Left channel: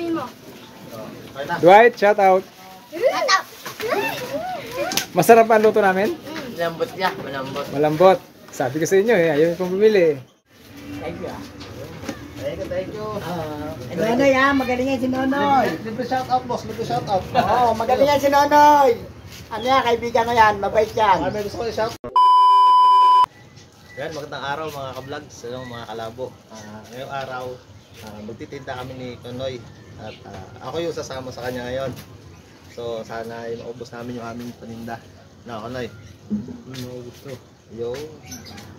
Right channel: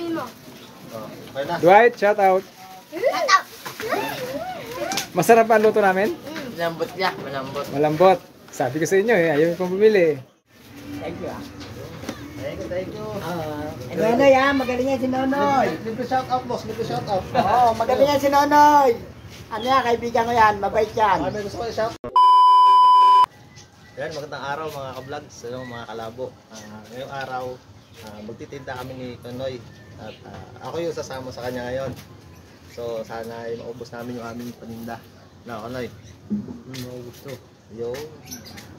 sabihin mo. Dwight, shout out. Shout out. Masarap ang luto namin? Malambot niya, malambot. Malambot. Sabi ko sa inyo eh, ayaw pong bumili. Thank you. Thank you. Nonoy ha, magaling yan si Nonoy. Dito shout out, boss. Dito shout out. Oo, magaling yan si Nonoy. Ano yan, kaibigan ko yan, mabait yan. May gusto ko i-shout. Yan, magandang araw mga ka-vlogs, mga kalabo. Ngayong araw, magtitinda kami ni Nonoy. At ako yung sasama sa kanya ngayon. So sana ay maubos namin yung aming paninda. Na Nonoy. Maubos to. Yo.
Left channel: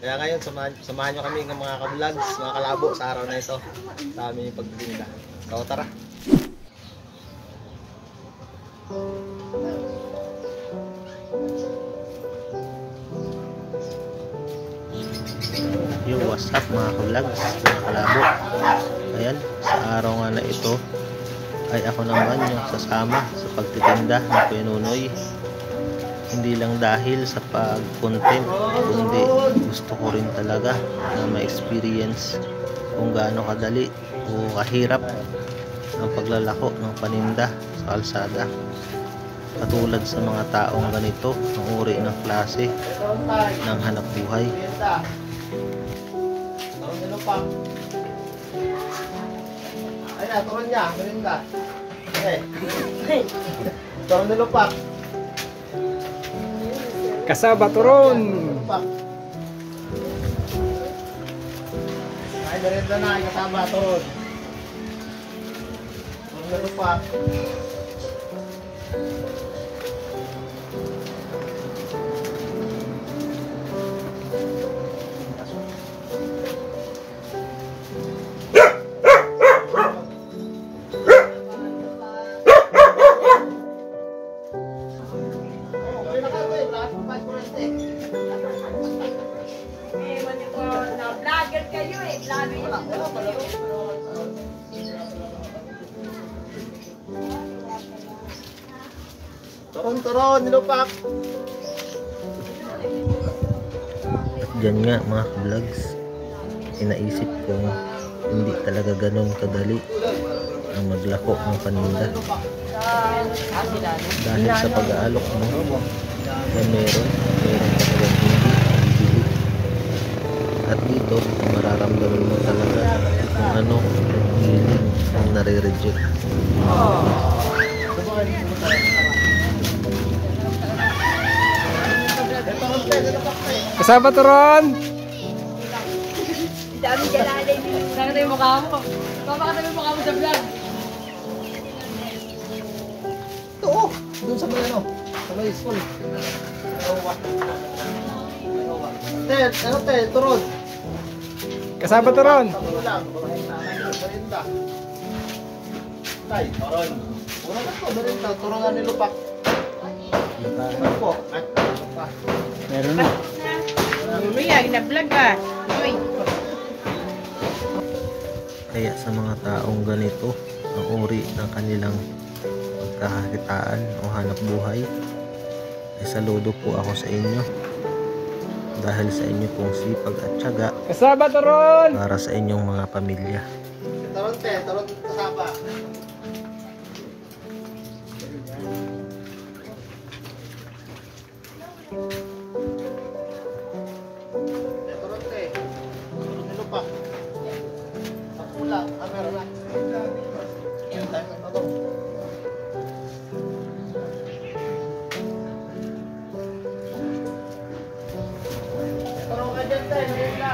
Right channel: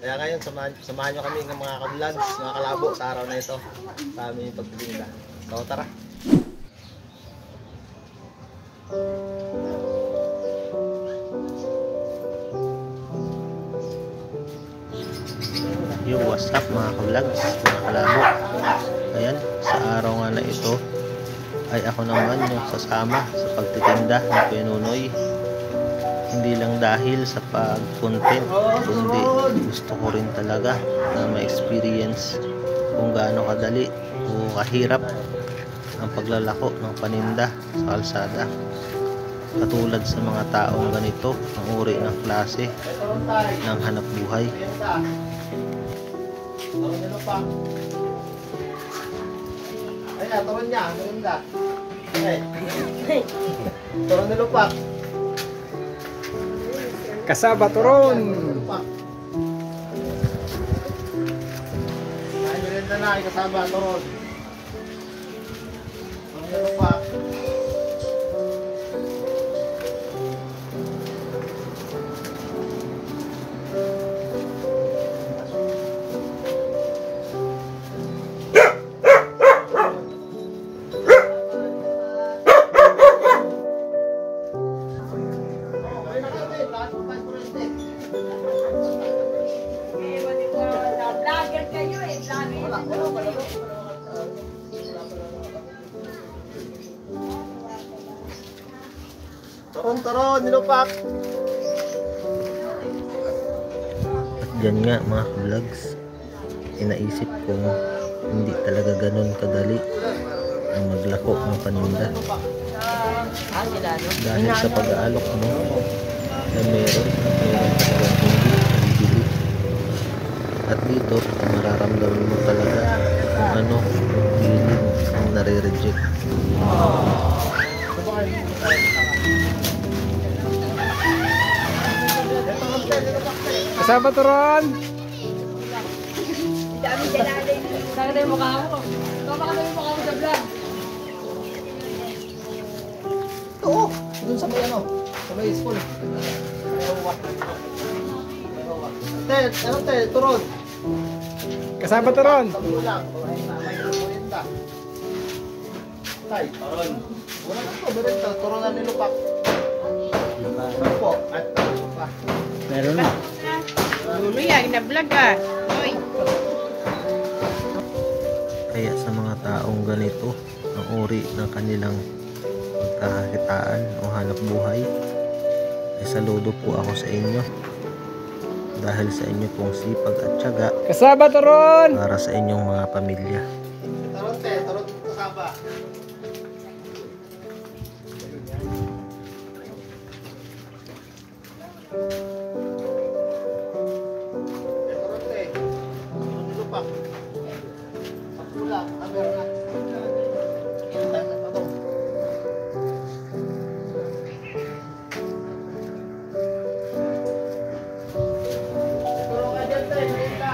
Kaya ngayon samahan nyo kami ng mga ka-vlogs, mga kalabo sa araw na ito. Sa aming pagtitinda. So tara. Yo, what's up mga ka-vlogs, mga kalabo. Ayan, sa araw nga na ito ay ako naman yung sasama sa pagtitinda ni Kuya Nonoy. Hindi lang dahil sa pag-content, kundi gusto ko rin talaga na ma-experience kung gaano kadali o kahirap ang paglalako ng paninda sa kalsada. Katulad sa mga taong ganito ang uri ng klase ng hanap buhay. Ay na, turon niya, marinda. Okay. Turon ni Lupak. Kasaba turon. Ay, marinda na, ay kasaba, turon. Turon ni Lupak. Vlogger kayo eh. Turon, nilupak. At dyan nga mga vlogs, inaisip kong hindi talaga ganun kadali ang maglako ng paninda. Dahil sa pag-aalok mo ay meron talagang hindi bibili. At dito ay mararamdaman mo talaga kung ano yung feeling ng nare-reject. Kasaba turon. Dami dyan na alay. Saan ka tayo mukha ko? Baba ka tayo mukha ko sa vlog. Oo, doon sa may ano, sa may school. Tel, turon. Kasaba turon. Ulang, marinda. Tay, turon. Wala ba ito, marinda, turon na nilupak. Ano po? At pa. Meron na. Lumiya, ina-vlog ah. Uy. Kaya sa mga taong ganito ang uri ng kanilang pagkakakitaan o hanap buhay, ay saludo po ako sa inyo dahil sa inyo pong sipag at tiyaga Kasaba turon. para sa inyong mga pamilya. Turon kasaba. Turon nilupak. Sa pula, meron na. Tayo na babaw. Turon ka dyan, tay, marinda.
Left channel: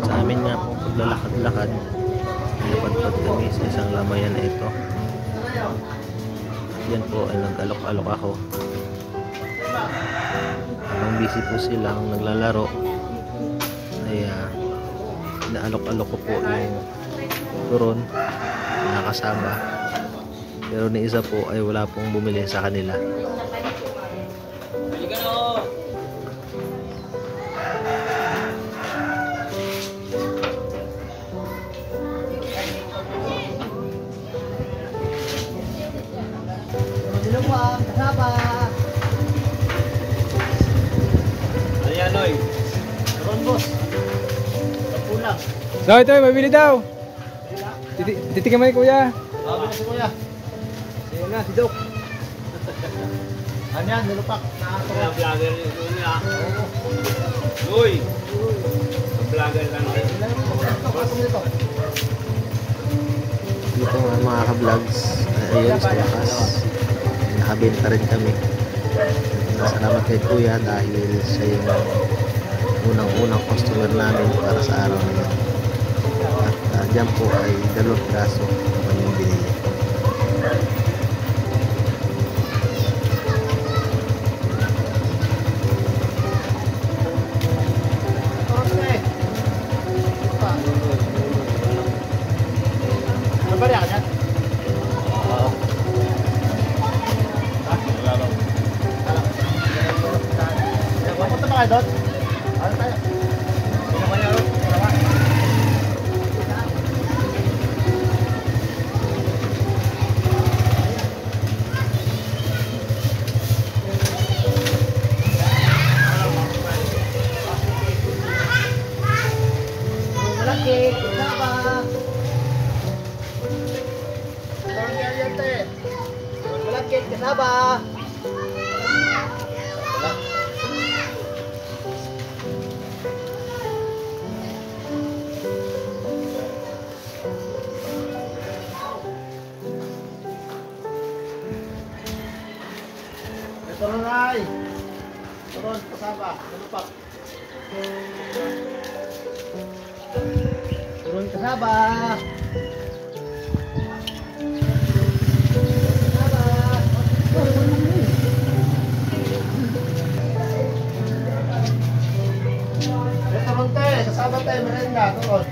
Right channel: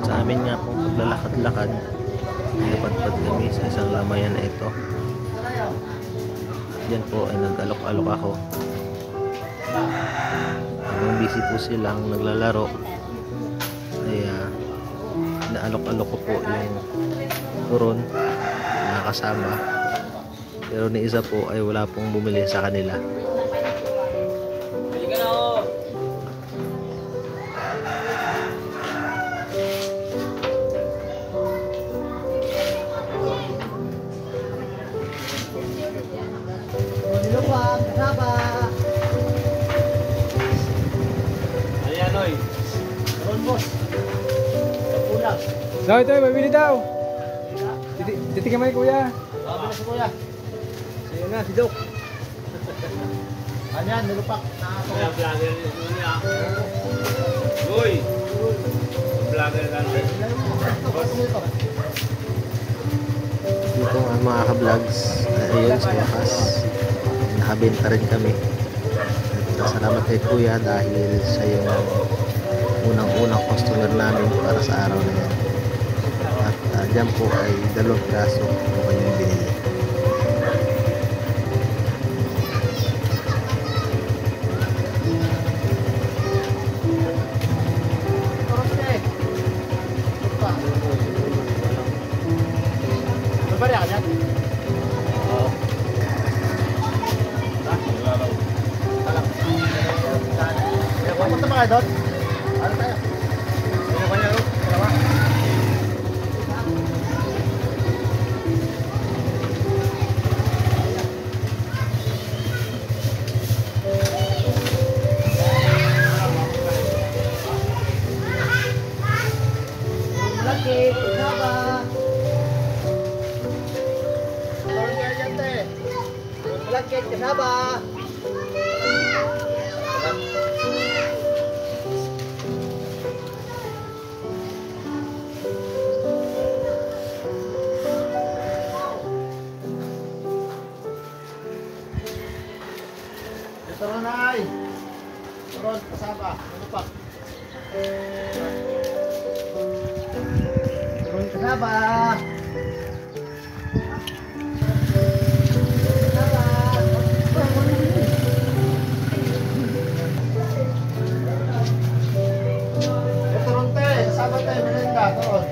Sa amin nga pong paglalakad-lakad, napadpad kami sa isang lamayan na ito. At yan po ay nag-alok-alok ako. Habang busy po silang naglalaro, ay naalok-alok ko po yung turon na kasama. Pero ni isa po ay wala pong bumili sa kanila. Nilukwang, kasaba. Ayan, Noy. Meron, boss. Kapulang. So ito, mabili daw. Titikin mo ni kuya. Sabi na si Kuya. Ayan na, si Dok. Ano yan, nilupak. Kaya vlogger nito niya. Noy! Vlogger ka, Noy. Dito nga mga ka-vlogs, ayun sa wakas, nakabenta rin kami. At salamat kay Kuya dahil siya yung unang-unang customer namin para sa araw na yan. At dyan po ay 2 piraso yung kanyang binili. Nabari ka dyan? Huwag mo ito na kayo doon. Ano tayo? Sino ka niya, Ro? Malaki, kasaba. Tawag kaya yan, te. Malaki, kasaba. Ito rin ay. Turon, kasaba. Nilupak. Turun kasaba. Ito rin, te. Kasaba, te. Merenda. Turon.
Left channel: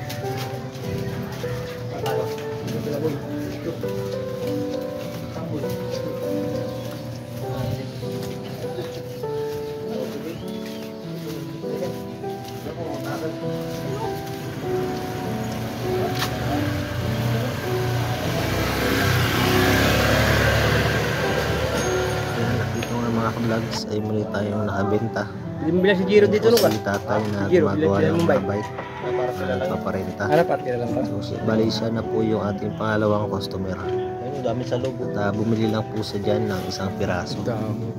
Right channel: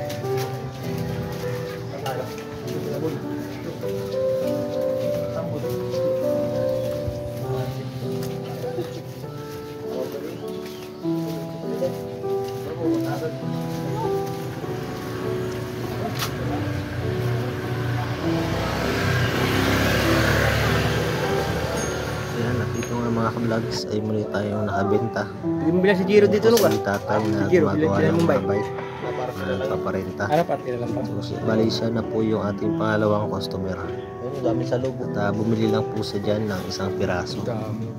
Ayan, at dito nga mga ka-vlogs ay muli tayong nakabenta. Hindi mo bilang si Giro dito nung Si tatay na Giro, gumagawa bilang ng Mumbai. mga bike na nagpaparenta. Ano pa? Kailan lang pa? So, bali siya na po yung ating pangalawang customer. Ayun, dami sa loob. At bumili lang po siya dyan ng 1 piraso. Dami.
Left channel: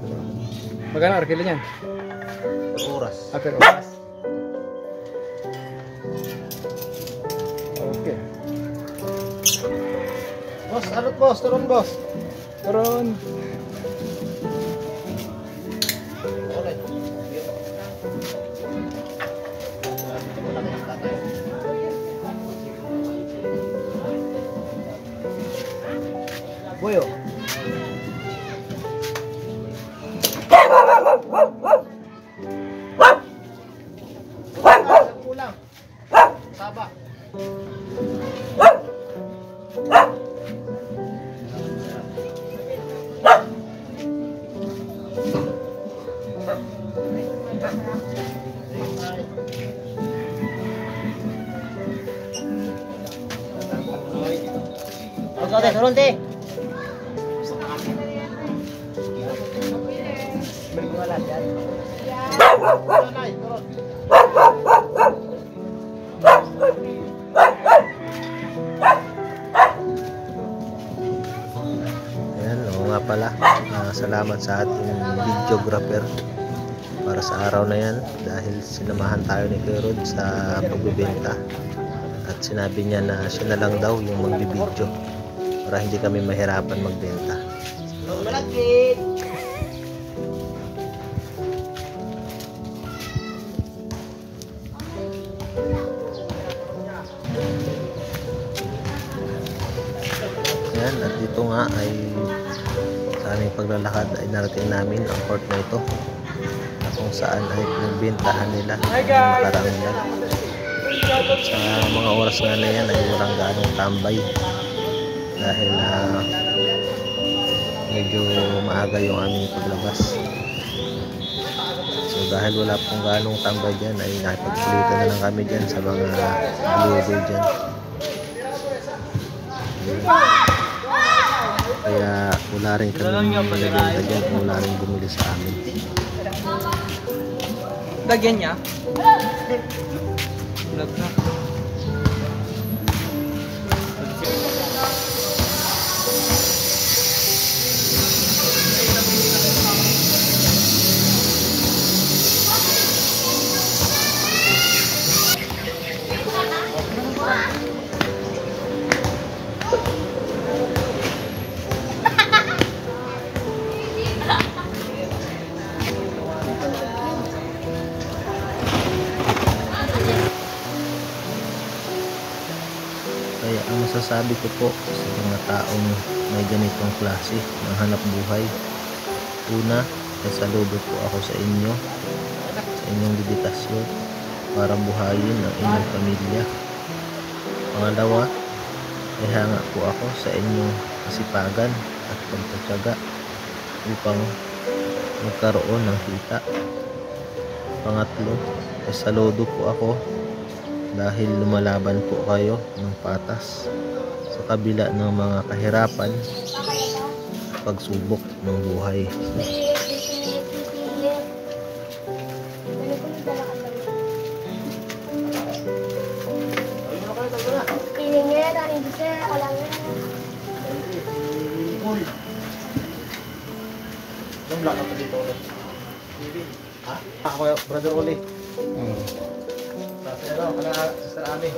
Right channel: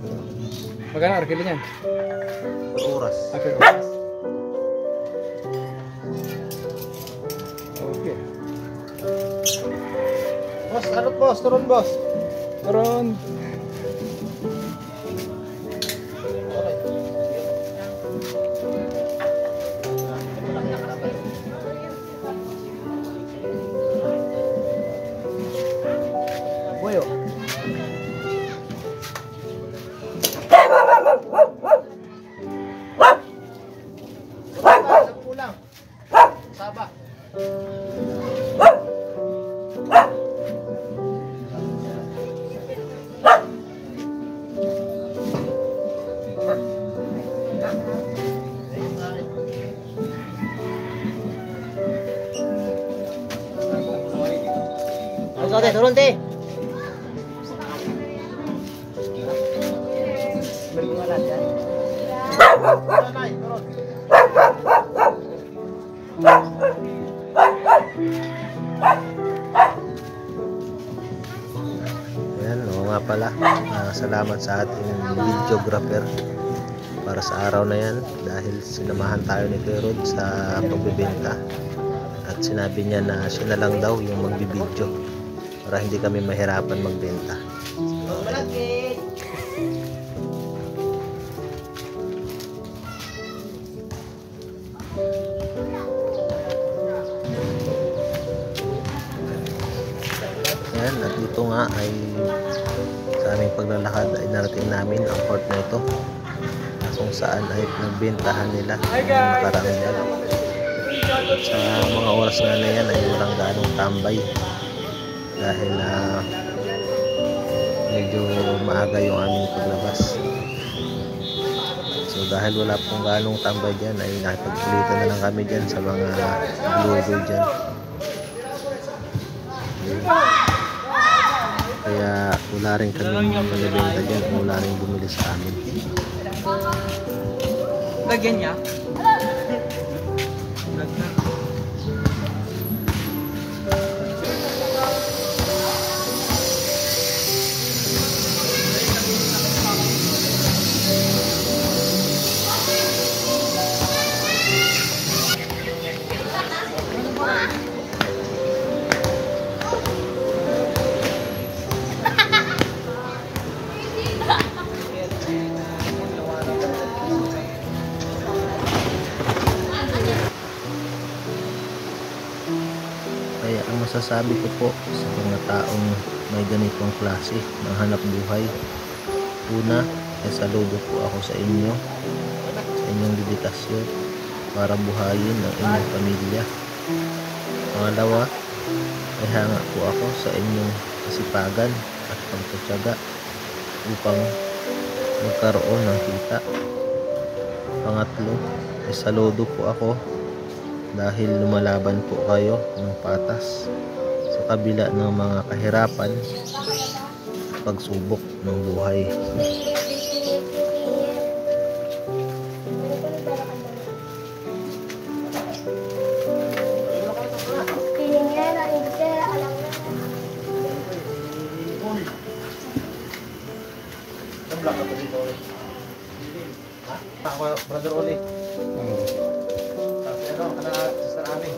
Magkano arkila niyan? Per oras. Per oras. Okay. Boss, ano boss? Turon, boss. Turon. Okay. Dito mo lang yung tatay. Boyo. Kulang. Saba. Magkano turun, te? Wala dyan. Nanay, turon. Ayan, oo nga pala. Salamat sa ating videographer para sa araw na yan dahil sinamahan tayo ni Kuya Rod sa pagbibenta at sinabi niya na siya na lang daw yung magbibideo para hindi kami mahirapan magbenta. Malaki. Ayan, at dito nga ay sa aming paglalakad ay narating namin ang port na ito na kung saan ay pinagbentahan nila ang nakaraang vlog. Sa mga oras nga na yan ay walang ganong tambay dahil medyo maaga yung aming paglabas. So dahil wala pong ganong tambay dyan ay nakipagpulitan na lang kami dyan sa mga lugo dyan. Kaya wala rin kami nabenta dyan, wala rin bumili sa amin. Lagyan niya. Vlog na. Kaya ang masasabi ko po sa mga taong may ganitong klase ng hanap buhay, una ay saludo po ako sa inyo, sa inyong dedikasyon para buhayin ang inyong pamilya. Pangalawa ay hanga po ako sa inyong kasipagan at pagtatyaga upang magkaroon ng kita. Pangatlo ay saludo po ako dahil lumalaban po kayo ng patas sa kabila ng mga kahirapan at pagsubok ng buhay. Ako, Brother Uli. Ano, kana Sister Ami.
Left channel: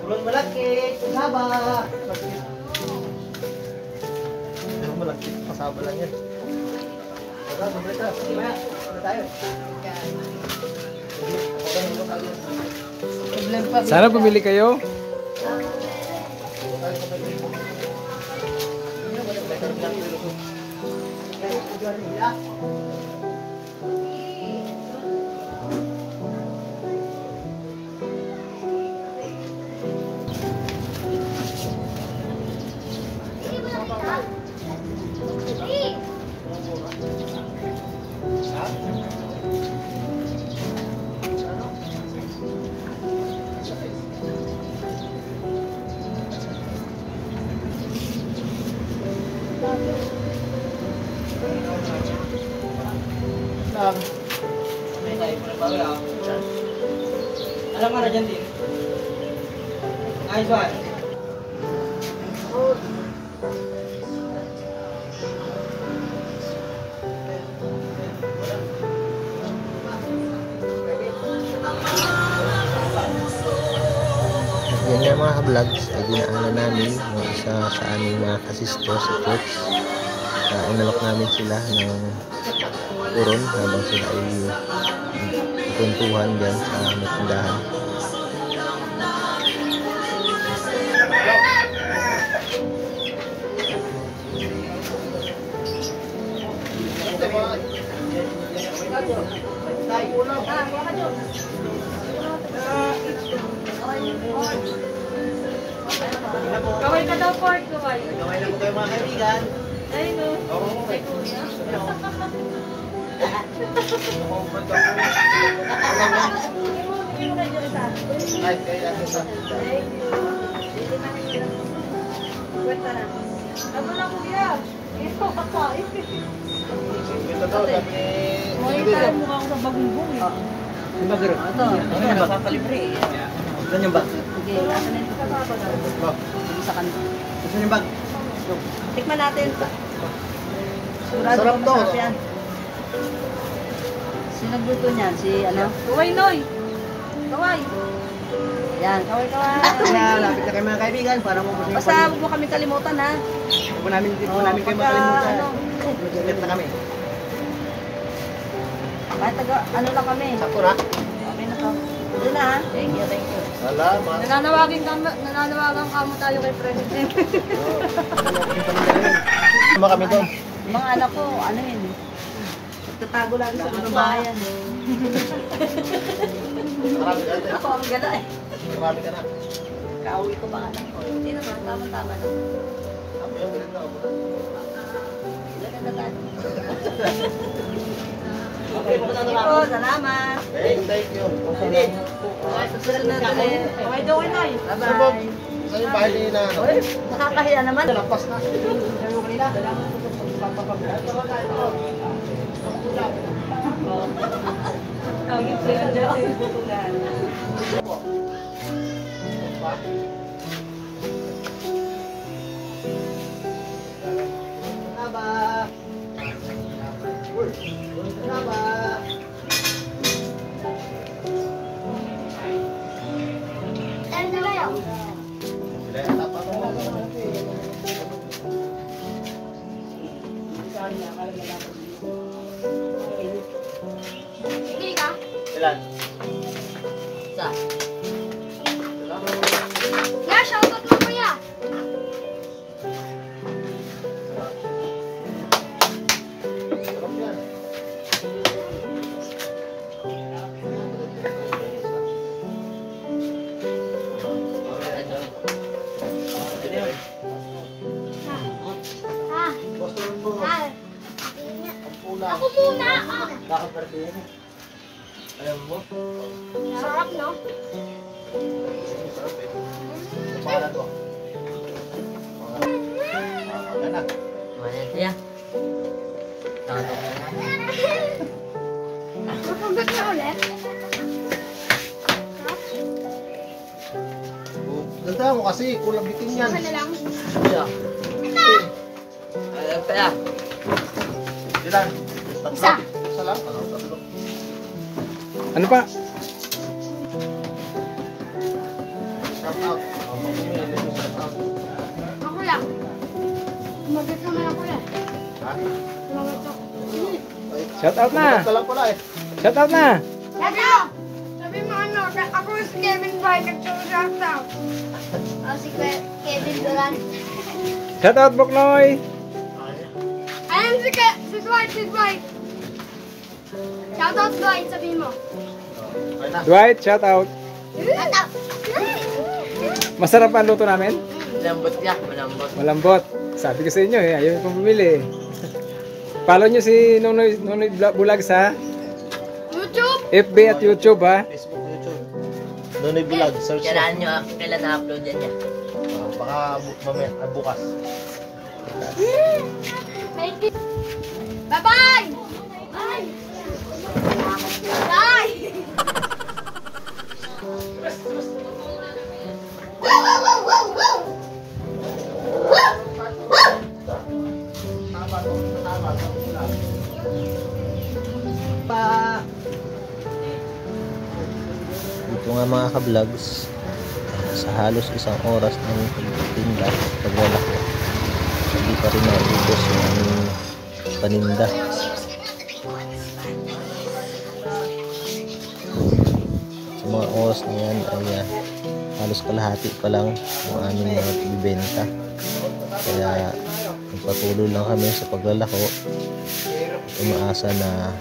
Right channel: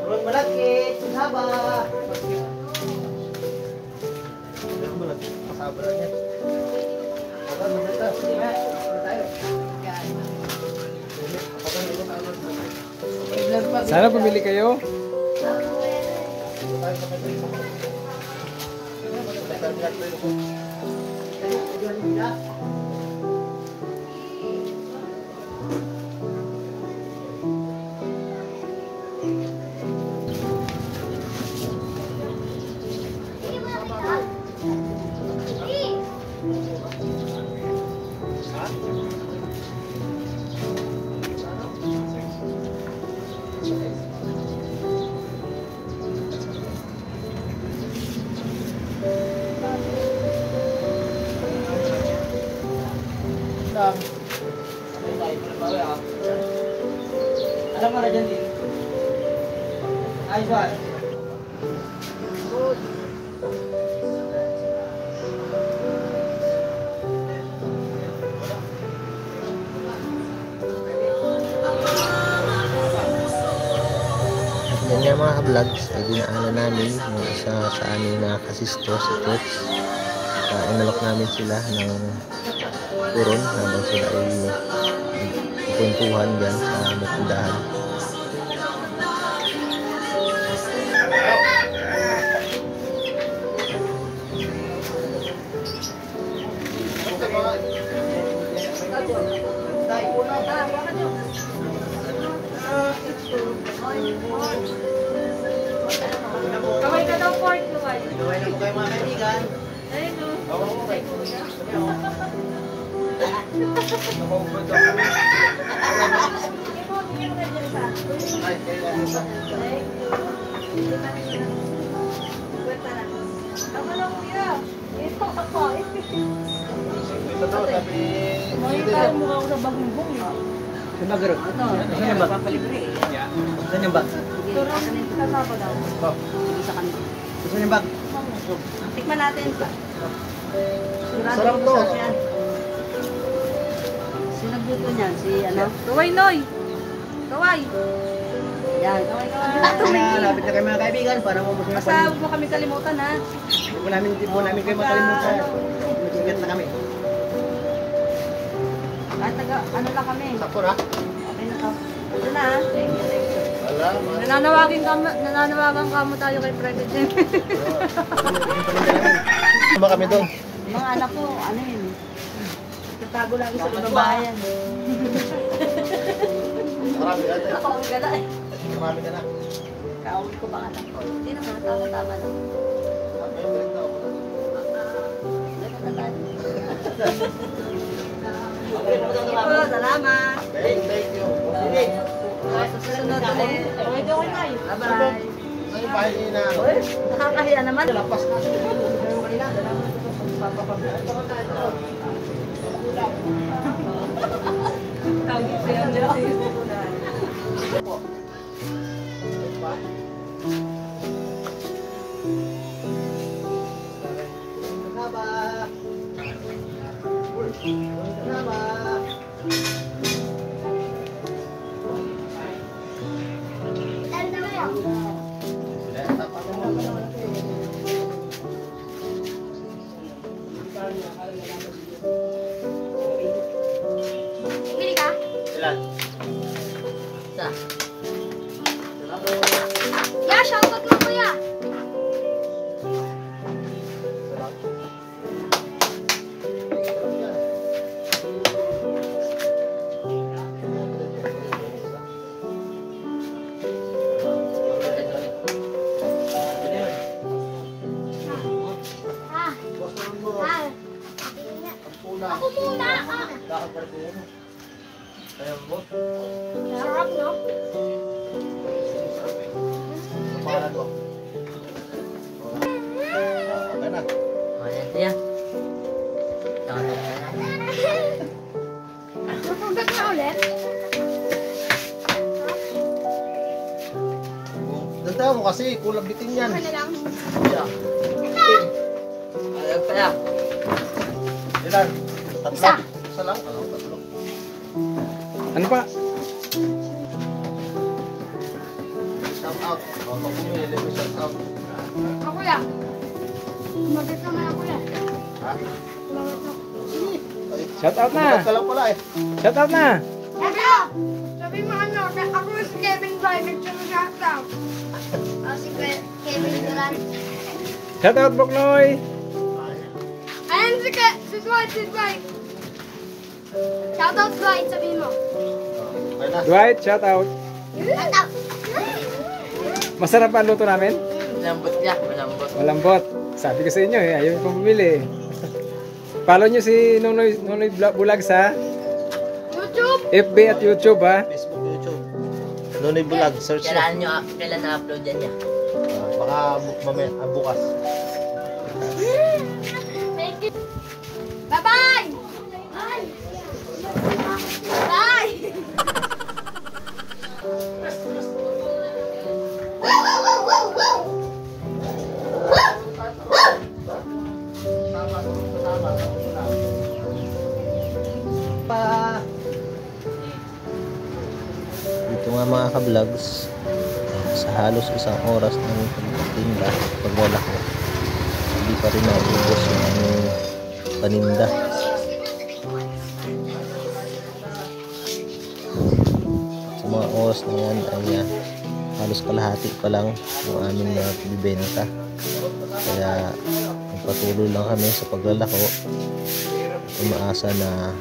Turun malaki, sasaba. Malaki, kasama lang yan. Aba, mabalik ka. Ano tayo? Sana bumili kayo. Alam mo na dyan din. Ayos ba? At yan nga mga ka-vlogs ay dinaanan namin ng isa sa aming mga kasisto sa church. Inalok namin sila ng turon habang sila ay nagkwentuhan dyan sa may tindahan. Kaway ka daw, Ford. Kaway. Gawin na po kayo mga kaibigan. Ay, no. Kay Kuya. Sige mo, tingin mo kayo dyan sa akin. Ay, kaya lang isa. Thank you. Hindi pa rin lang. Kwenta na. Ako na, Kuya. Ito ka pa. Ito daw, sabi ni... Ngayon tayo mukha ko sa bagumbong. Saan ba, Garo? Ito. Saan yan ba? Saan yan ba? Sige, asan na yung kasado daw. Sige sa kanila. Saan yan ba? Tikman natin. Sigurado Sarap ko to. masarap yan. Sino nagluto niyan? Si ano? Kaway Noy! Kaway! Yan, kaway kaway. Lapit na kayo mga kaibigan para maubos yung Basta huwag mo kami kalimutan ha. Hindi po namin kayo makalimutan. Mag-ingat na kami. Kahit taga, ano lang kami. Sakto na? Okay na to. Doon na ha. Thank you, thank you. Salamat. Nananawagan kamo tayo kay President. Tama kami doon. Mga anak ko, ano yun eh. Tatago lagi sa bayan. Marami ka na. Ako ang gala eh. Marami ka na. Kauwi ko mga anak ko. Hindi naman, tama-tama lang. Sabi yung ganito ako na. Okay, pupunta na Sige po, salamat. Thank you. Sige. Sa susunod ulit. Okay, doon na. Bye-bye. Sa yung bahay na. Uy, nakakahiya naman. Lampas na. Bili ka? Ilan? Sa? Ya, shoutout mo kuya. Ako muna. Lakad ka rin. Ayaw mo? Sarap, no? Sarap eh. Pangalan ko. Okay na. Ayan siya. Nakatok na. Mapugat na ulit. Dagdagan mo kasi, kulang bitin yan. Ano na lang? Siya. Ayan pa yan. Ilan? Tatlo? Isa. Isa lang? Ano, tatlo. Ano pa? Shout out. Shout out. Ako ya. Magat naman ako ya. Ha? Magat ako. Shout out na. Ka lang pala eh. Shout out na. Yato! Sabi mo ano, ako si Kevin Bay, nag-shout out. Si Kevin Durant. Shout out Boknoy. Ayun si Dwight. Shout out Dwight, sabi mo. Okay na. Dwight, shout out. Shout out. Masarap ang luto namin. Malambot niya. Malambot. Malambot. Sabi ko sa inyo eh, ayaw kong bumili. Follow nyo si Nonoy Bulag sa YouTube. FB at YouTube ha. Facebook, YouTube. Nonoy Vlog, search mo. Kailan na-upload yan niya? Baka bukas. Thank you. Bye-bye! Bye! Bye! Dito nga mga ka-vlogs, sa halos isang oras ng pagtinda, paglalako, hindi pa rin naubos yung aming paninda. Sa mga oras na yan ay halos kalahati pa lang yung aming bibenta. Kaya nagpatuloy lang kami sa paglalako, umaasa na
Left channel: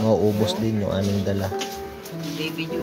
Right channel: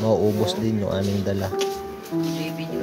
mauubos din yung aming dala. Baby Jude.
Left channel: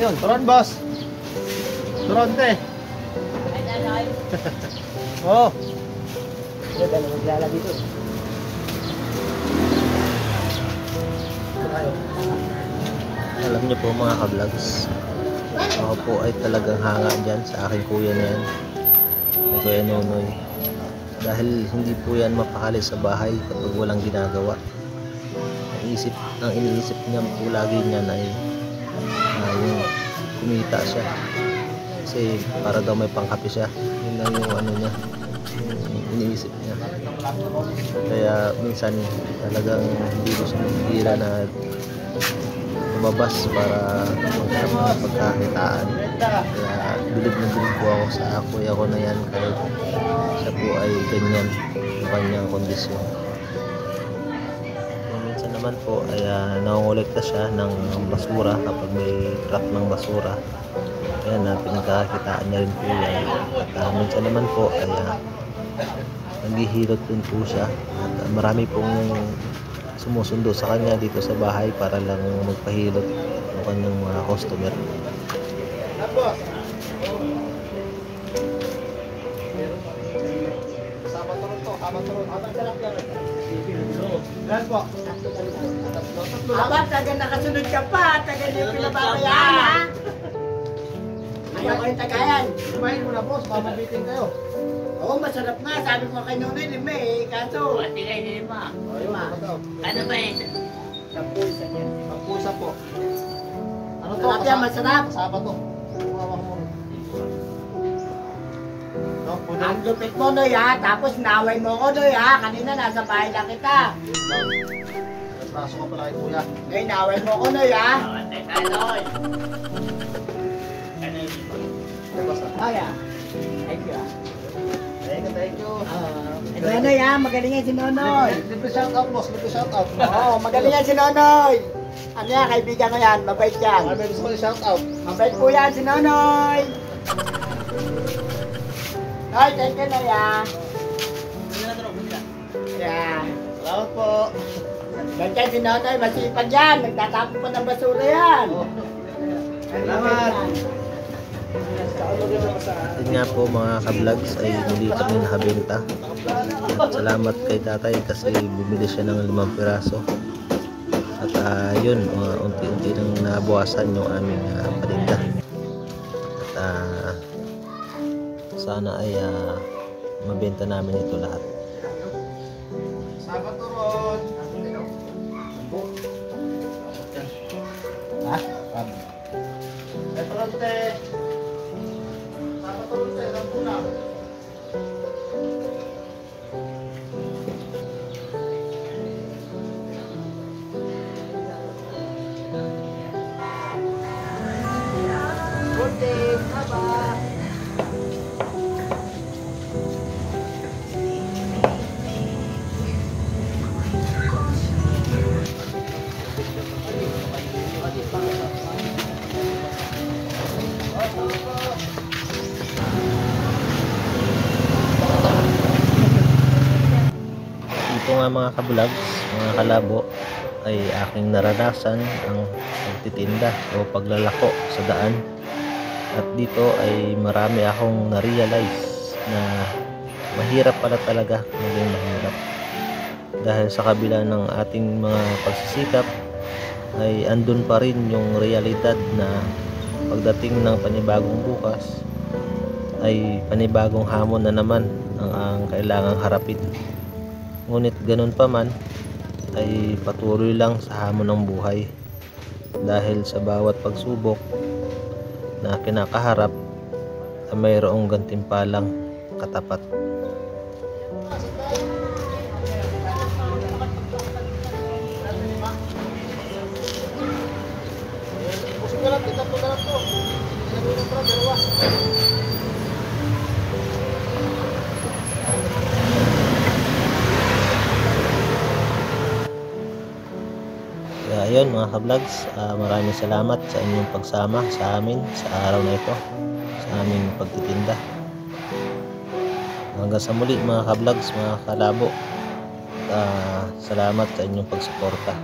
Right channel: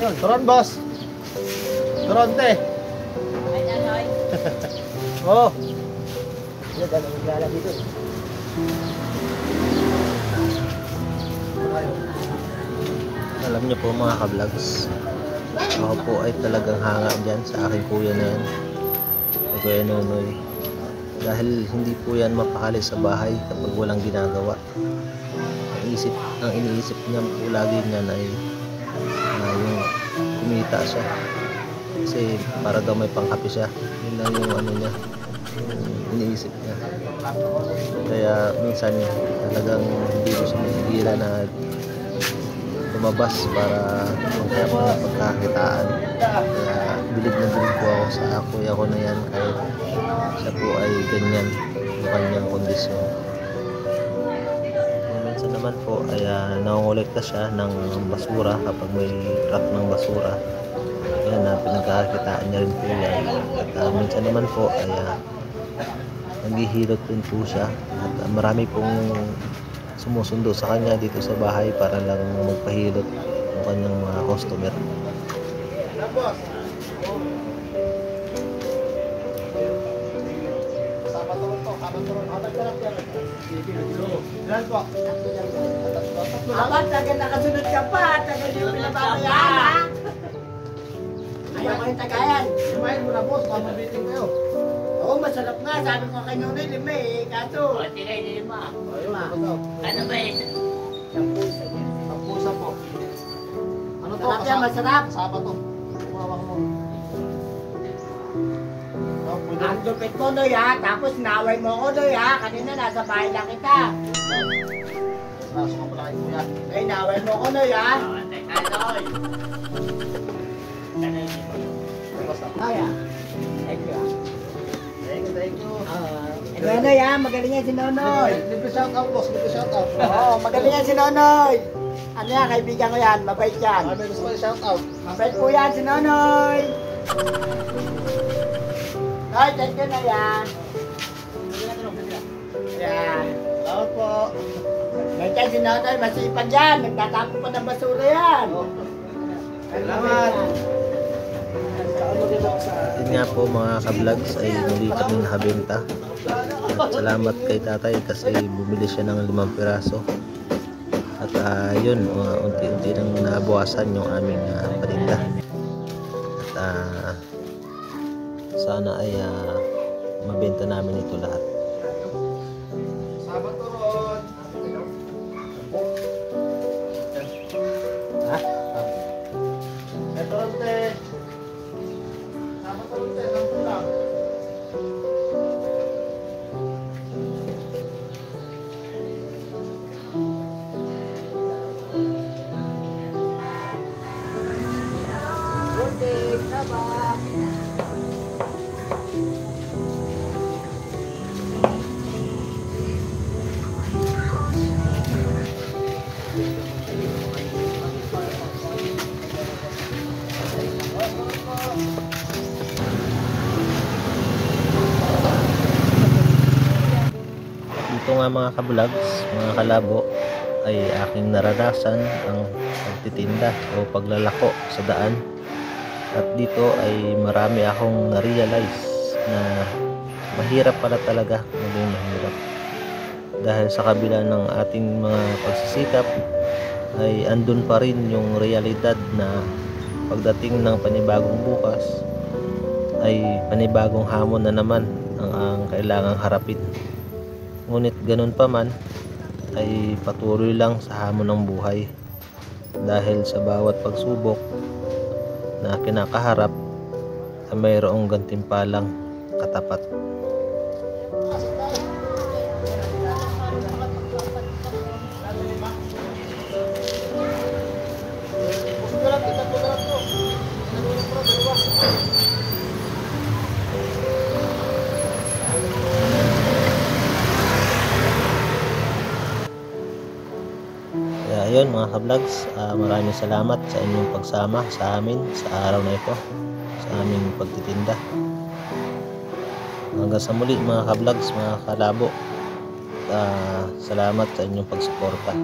Yun, turon boss. Turon te. Oh. Ano ba naglala dito? Alam niyo po mga ka-vlogs, Ako po ay talagang hanga dyan sa aking kuya na yan, ni Kuya Nonoy. Dahil hindi po yan mapakali sa bahay kapag walang ginagawa. Ang iniisip niya po lagi niyan ay yung kumita siya. Kasi para daw may pangkape siya. Yun lang yung ano niya, yung iniisip niya. Kaya minsan talagang hindi ko siya mapigilan na lumabas para maghanap ng pagkakitaan. Kaya bilib na bilib po ako sa kuya ko na yan kahit siya po ay ganyan yung kanyang kondisyon. Kung minsan naman po ay nangongolekta siya ng basura kapag may truck ng basura. Ayan, pinagkakakitaan niya rin po yan. At minsan naman po ay naghihilot rin po siya. At marami pong sumusundo sa kanya dito sa bahay para lang magpahilot ng kanyang mga customer. Abat, taga nakasunod ka pa, taga di pinababayaan. Ayaw ko yung tagayan. Limahin mo na boss, mamabitin kayo. Oo, masarap nga. Sabi ko kay Nonoy, lima eh. Kaso, tingay na lima. Lima. Ano ba eh? Sampusa po. Ano to? Masarap yan, masarap. Kasama to. Kumawak mo. No, pwede Ang lupit mo, Noy ha. Tapos naway mo ko, Noy ha. Kanina nasa bahay lang kita. raso ka pala kay kuya. Ngayon, naway mo ko, Noy ha. Noy. Basta. Kaya. Thank you. Thank you. Nonoy ha, magaling yan si Nonoy. Libre shout out boss, libre shout out. Oo, magaling yan si Nonoy. Ano yan, kaibigan ko yan, mabait yan. May gusto ko shout out. Mabait po yan si Nonoy. Noy, thank you na yan. Yan. Salamat po. Ganyan si Nonoy, masipag yan. Nagtatapo pa ng basura yan. Salamat. At yun nga po mga ka-vlogs ay muli kami nakabenta. At salamat kay tatay kasi bumili siya ng 5 piraso. At yun, unti-unti nang nabawasan yung aming paninda. At sana ay mabenta namin ito lahat. Sabat to Ron. Ha? Ito Ron te. Sabat to Ron te, lang pula. Bunting, taba. Ito nga mga ka-vlogs, mga kalabo, ay aking naranasan ang pagtitinda o paglalako sa daan. At dito ay marami akong na-realize na mahirap pala talaga maging mahirap. Dahil sa kabila ng ating mga pagsisikap ay andun pa rin yung realidad na pagdating ng panibagong bukas ay panibagong hamon na naman ang kailangang harapin. Ngunit ganun pa man ay patuloy lang sa hamon ng buhay dahil sa bawat pagsubok na kinakaharap ay mayroong gantimpalang katapat. Susulat kita to dalam to. Pinagulong pro dalawa. Kaya ayun mga ka-vlogs, maraming salamat sa inyong pagsama sa amin sa araw na ito, sa aming pagtitinda. Hanggang sa muli mga ka-vlogs, mga kalabo, salamat sa inyong pagsuporta.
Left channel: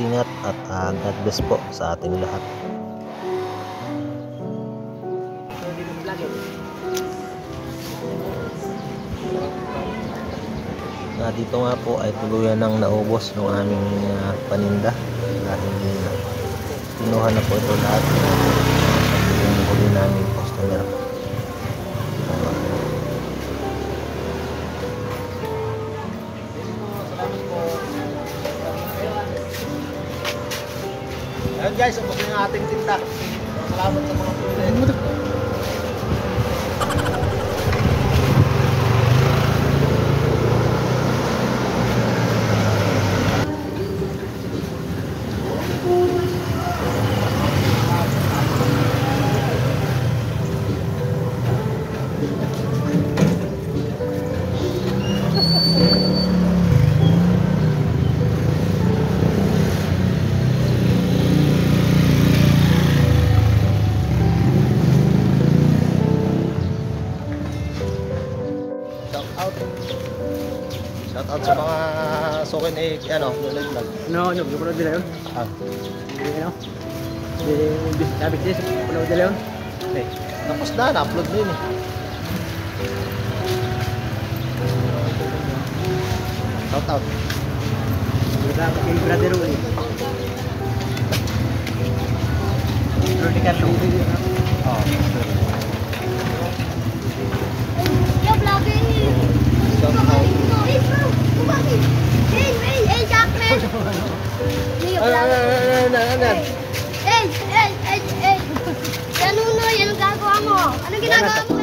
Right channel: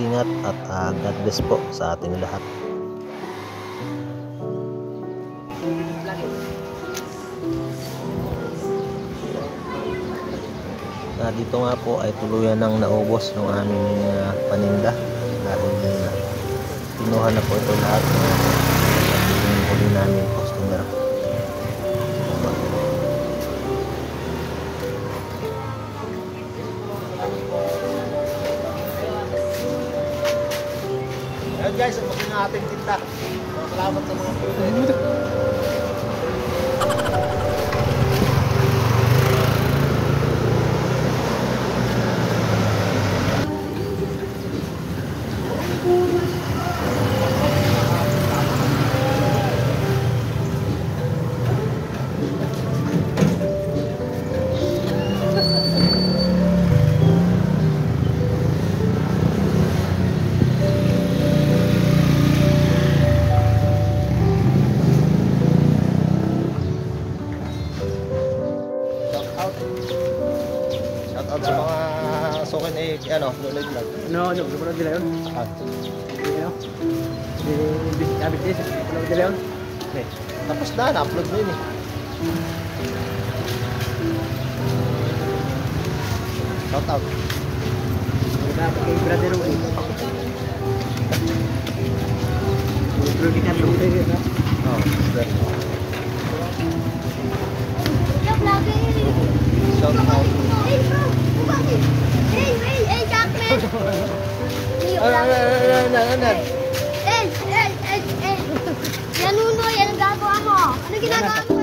Ingat at God bless po sa ating lahat. Dito nga po ay tuluyan nang naubos yung aming paninda dahil kinuha na po ito lahat namin. Siya po yung huli naming customer. Salamat po. Ayun guys, ubos na yung ating tinda. So, salamat sa mga pumili. Shout out sa mga sukin Nonoy Vlog. No, napanood nila yun. Ah, Hindi, sabi ko siya, napanood nila yun. tapos na-upload mo yun eh. Shout out. Dapat kay Brother Rudy. Rudy kan Rudy. Ah, sir. Yo, vlogger. Shout out. Hey, bro. Bumagi. Hey, Jackman. Yo, vlogger. Hey. Yan uno, yan ang gagawa mo. Ano ginagawa mo?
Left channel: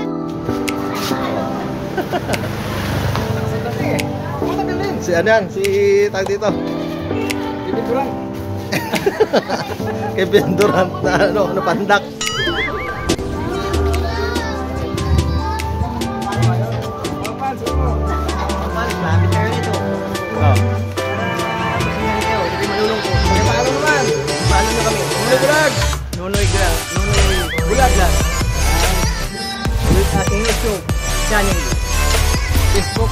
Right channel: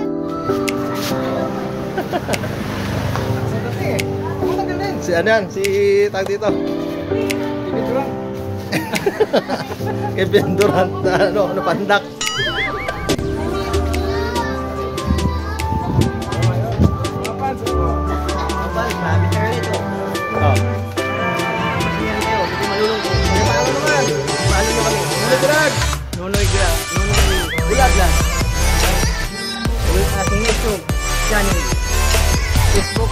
Si ano yan? Si tag dito. Kevin Durant. Kevin Durant na pandak. Kapal, grabe tayo nito. Oh. Para masingan kayo, hindi malulungkot. Paano naman? Follow nyo kami. Nonoy Vlog. Nonoy Bulag lang. With aking YouTube channel. Facebook.